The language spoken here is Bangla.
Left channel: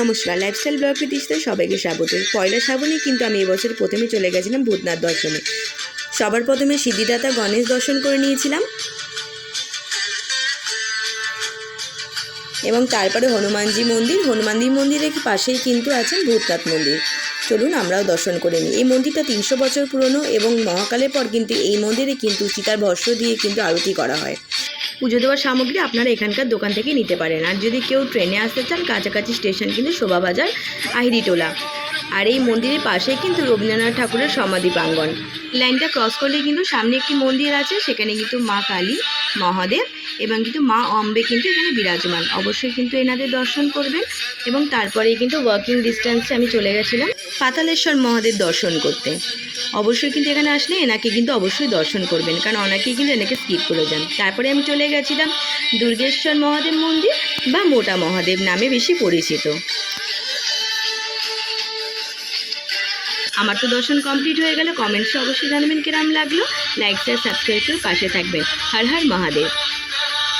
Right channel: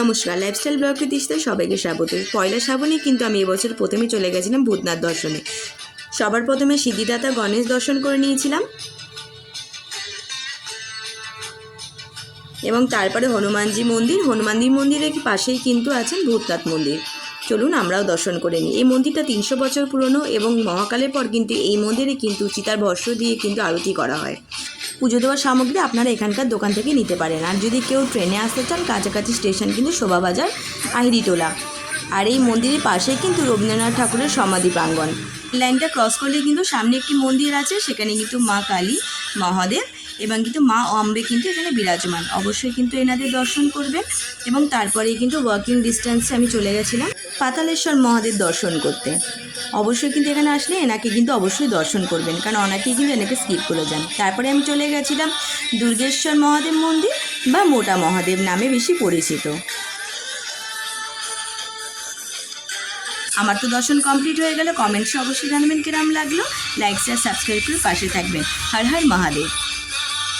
নমস্কার, লাইফস্টাইল ব্লগ প্রতিষ্ঠায় সবাইকে স্বাগত। পয়লা শ্রাবণে কিন্তু আমি এবছর প্রথমে চলে গেছিলাম ভূতনাথ দর্শনে। সবার প্রথমে সিদ্ধিদাতা গণেশ দর্শন করে নিয়েছিলাম এবং তারপরে হনুমানজি মন্দিরের পাশেই কিন্তু আছেন ভূতনাথ মন্দির। চলুন আমরাও দর্শন করে নিই। এই মন্দিরটা 300 বছর পুরনো এবং মহাকালের পর কিন্তু এই মন্দিরে কিন্তু চিতার ভস্ম দিয়ে কিন্তু আরতি করা হয়। পুজো দেওয়ার সামগ্রী আপনারা এখানকার দোকান থেকে নিতে পারেন। আর যদি কেউ ট্রেনে আসতে চান, কাছাকাছি স্টেশন কিন্তু শোভাবাজার, আহিরিটোলা। আর এই মন্দিরের পাশে কিন্তু রবীন্দ্রনাথ ঠাকুরের সমাধি প্রাঙ্গণ। লাইনটা ক্রস করলে কিন্তু সামনে একটি মন্দির আছে, সেখানে কিন্তু মা কালী, মহাদেব এবং কিন্তু মা অম্বে কিন্তু এখানে বিরাজমান। অবশ্যই কিন্তু এনাদের দর্শন করবেন। এবং তারপরেই কিন্তু ওয়াকিং ডিস্টেন্সে আমি চলে গেছিলাম পাতালেশ্বর মহাদেব দর্শন করতে। অবশ্যই কিন্তু এখানে আসলে এনাকে কিন্তু অবশ্যই দর্শন করবেন, কারণ অনেকেই কিন্তু এনাকে স্কিপ করে যান। তারপরে আমি চলে গেছিলাম দুর্গেশ্বর মহাদেব মন্দির বা মোটা মহাদেব নামে বেশি পরিচিত। আমার তো দর্শন কমপ্লিট হয়ে গেলে কমেন্টসে অবশ্যই জানাবেন কিরম লাগলো। লাইক শেয়ার সাবস্ক্রাইব করে পাশে থাকবেন। হর হর মহাদেব।